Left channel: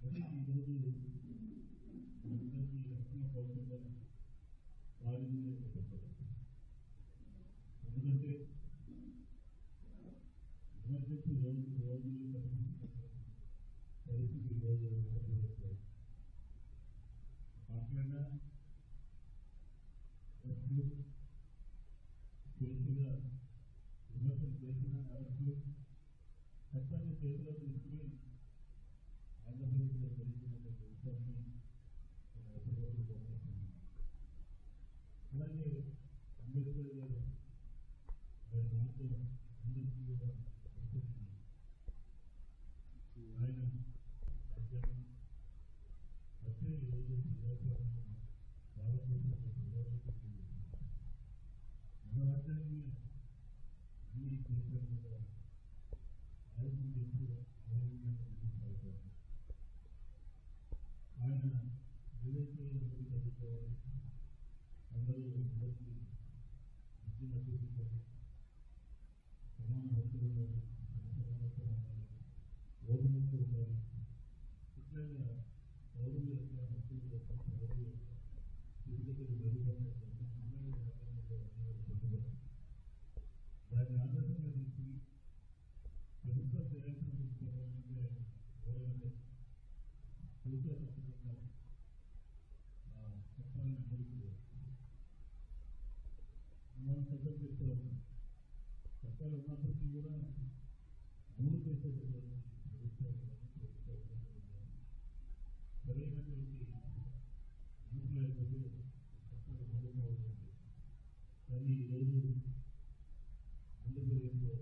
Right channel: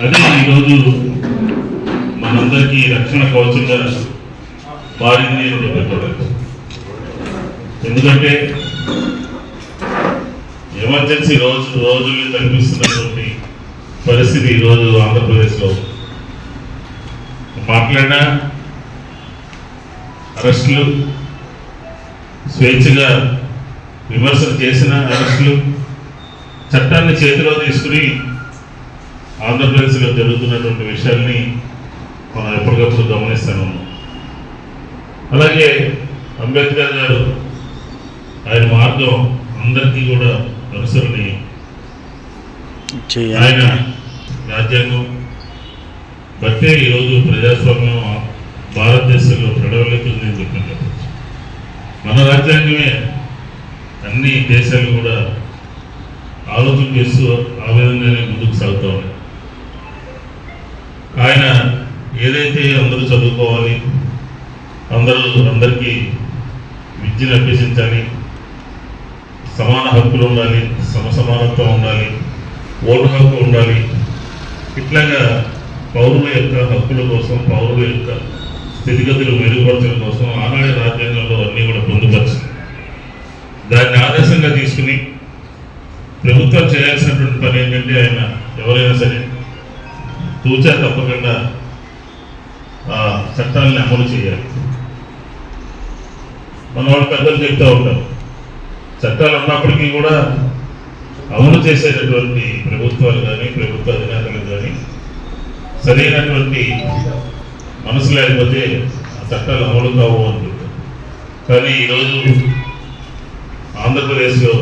అదే ఈరోజు మనందరికీ రక్షణ కవచంగా మారింది అని చెప్పవచ్చు ఎందుకంటే ఎమర్జెన్సీ రోజు రోజులు కనిపిస్తున్నటువంటి పరిస్థితి ఈరోజు ఆంధ్రప్రదేశ్లో. మాట్లాడినా అరెస్టులు స్వేచ్ఛగా విమర్శలు చేసిన అరెస్టులు చట్టాన్ని చేతిలో తీసుకుని ఆంధ్రప్రదేశ్లో జరుగుతున్నటువంటి విషయాల్ని మనం ఎప్పటికప్పుడు గమనిస్తూనే అలాగే అంబేద్కర్ గారు ఆయన మార్గం అందరికీ కూడా అనుసరణి. ఆయన రాజ్యాంగం. బట్టే ఈరోజు ప్రజాస్వామ్యం భారతదేశంలో ప్రడవలెత్తుంది అని మన రాజ్యాంగమే అన్ని దేశాలు కూడా ఆలోచన చేస్తూ ఏదైతే అందరూ చదువుకోవాలి అందరూ అందరికీ విద్యను అభ్యసించాలి సమాన హక్కులు ఉండాలి సమసమానత్వం ఉండాలి ఓటు హక్కు ఉండాలి ఇట్లాగా పౌరుల యొక్క హక్కుల కోసం పౌరుల యొక్క స్థితిగతులు మెరుగుపరచడం కోసం ఆనాడు రాజ్యాంగంలో అన్నీ కూడా పొందుపరిచింది దాన్ని ఆదర్శంగా తీసుకుని ప్రభుత్వం చేయాల్సినటువంటి పని ఏంటంటే ఆయన ఎవరైనా సరే తూచా తప్పకుండా చట్టాలని అమలు చేయాలి. మన వాళ్ళు పెద్దలు చెప్తూ ఉంటారు చట్టాలు ఉన్నప్పటికీ కూడా అమలు చేసేటటువంటి ప్రభుత్వాలు కానీ ప్రభుత్వ అధినేతలు కానీ సరైనటువంటి మనసు లేకపోతే ఆ చట్టాలు అమలు కావు అని కానీ ఈరోజు ఆంధ్రప్రదేశ్లో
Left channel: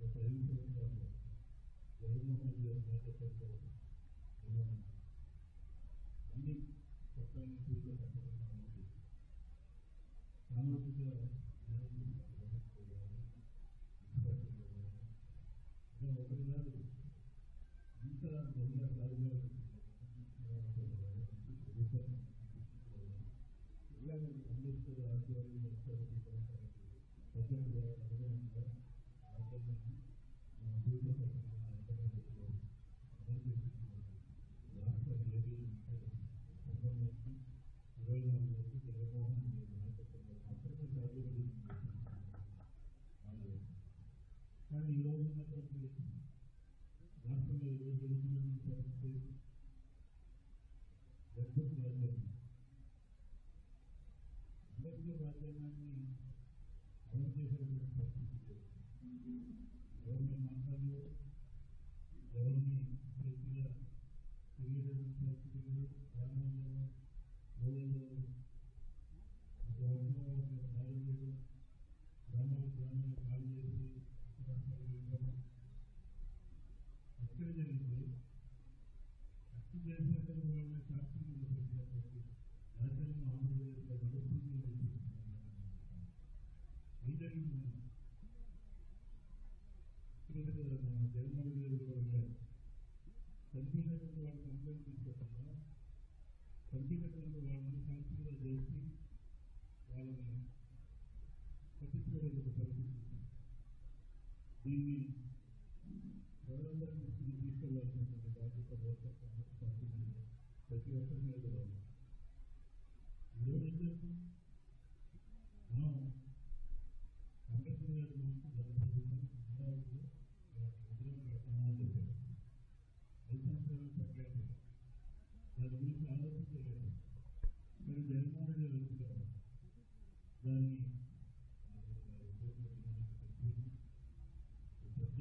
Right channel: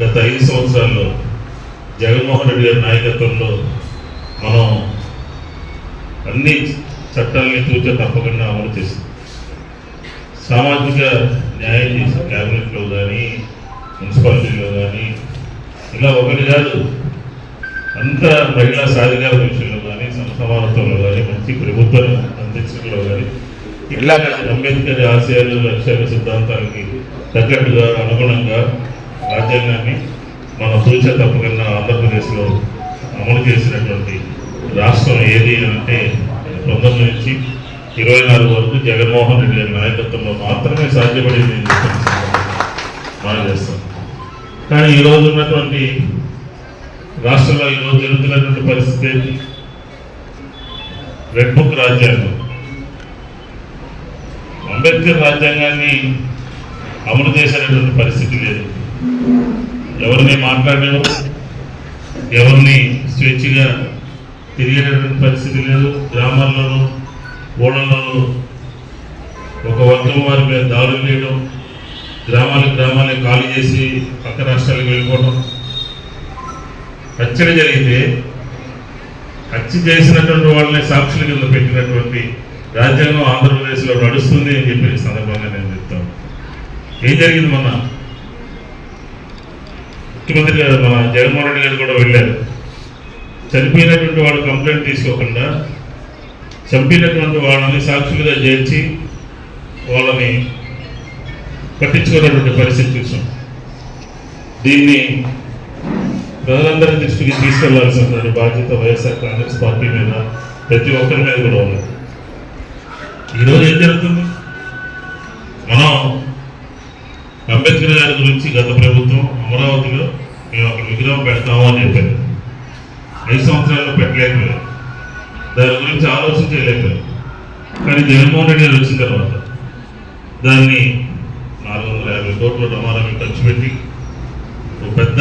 గత ఐదు సంవత్సరాల్లో జగన్మోహన్ రెడ్డి గారి నాయకత్వంలో మనం అన్ని చట్టాలని తూచ తప్పకుండా అమలు చేసింది సామాజిక న్యాయం చేసిన క్యాబినెట్లో కానీ మున్సిపాలిటీలో కానీ ఇలా ఒకటి కాదు అంత మహిళా సాధికార విషయంలో కానీ సమానత్వంలో కానీ మంచి ప్రభుత్వం అందించడంలో కానీ ఇలా అంబేద్కర్ ఆశయాలు లక్ష్యాలు సిద్ధాంతాలకి తగ్గట్టుగా అనుగుణంగా రాజ్యాంగాన్ని మన సూచ తప్పకుండా ఆంధ్రప్రదేశ్లో అమలు చేసినటువంటి రాష్ట్రం ఏది అంటే పంతొమ్మిది నుంచి ఇరవై నాలుగు వరకు జగన్మోహన్ రెడ్డి గారి నాయకత్వంలో మాత్రమే సాధ్యపడింది అని చెప్పి మనం చేస్తాం కానీ ఈరోజు ఉన్నటువంటి రాష్ట్రంలో ఈరోజు జరుగుతున్నటువంటి పరిస్థితి ఏంటి? రెడ్ బుక్ రాజ్యాంగం. అంబేద్కర్ రాజ్యాంగాన్ని అమలు చేసేటటువంటి పరిస్థితి లేదు. ఎవరిని మాట్లాడేవారు ఎవరిని స్వేచ్ఛగా తిరిగేటటువంటి పరిస్థితి లేదు. గ్రామాల్లోనూ ఓడల్లోనూ ఒక వర్గం వారి మీద దాడులు చేయడం గ్రామాలకు గ్రామాలే ఖాళీ చేసి పక్క రాష్ట్రాలకు వెళ్ళిపోవడం. హత్యలు జరిగితే హత్య చేసినటువంటి వాళ్ళని సాక్షుల కింద పెట్టినటువంటి రాజ్యాంగం ఆంధ్రప్రదేశ్లో నడుస్తుంది అని చెప్పి సందర్భంగా నేను చెప్తాను. ఏం జరిగింది మొన్న? ముఖ్యమంత్రి గారు మన జగన్మోహన్ రెడ్డి గారు కూడా వెళ్ళారు. చనిపోయినటువంటి వాళ్ళు కంప్లైంట్ తీసుకోకుండా చంపినటువంటి వాళ్ళని సాక్షులుగా చేర్చి వాళ్ళని పట్టించుకున్నటువంటి పరిస్థితి చూసాం. దీన్ని ప్రజలందరి దృష్టికి తీసుకెళ్ళాల్సినటువంటి బాధ్యత వైఎస్ఆర్ కాంగ్రెస్ పార్టీ మీద ప్రతి ఒక్కరి మీద కూడా ఉన్నది. ఈరోజు ఏం జరుగుతుంది? మనం అంబేద్కర్ గారి గురించి గత ప్రభుత్వం అమరావతిలో మేము అక్కడ విగ్రహం పెడతాము అని చెప్పారు. ఐదు సంవత్సరాల్లో పెట్టలేకపోయారు. దాని గురించి ఆలోచన చేయలేకపోయారు. కానీ జగన్మోహన్ రెడ్డి గారు వచ్చిన తర్వాత దాన్ని నాలుగు వందల యాభై కోట్ల రమారాన్ని ఖర్చు పెట్టి ఒక పెద్ద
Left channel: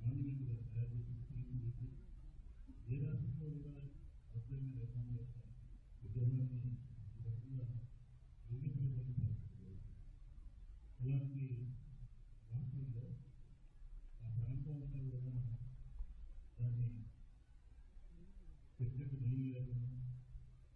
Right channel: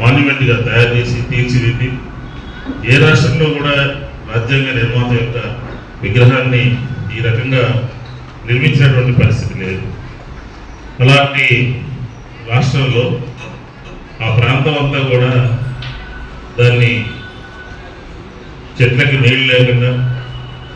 మాన్యుమెంట్గా తయారు చేసి తీర్చిదిద్ది ఏ రాష్ట్రంలో కూడా రాజ్యాంగ నిర్మాత యొక్క విగ్రహాన్ని ఈ రకంగా నిర్మించినటువంటి పరిస్థితి లేదు. అలాంటి రాష్ట్రంలో ఆ ప్రాంతం అంతా కూడా దాన్ని చెట్లకి నీళ్ళు లేకుండా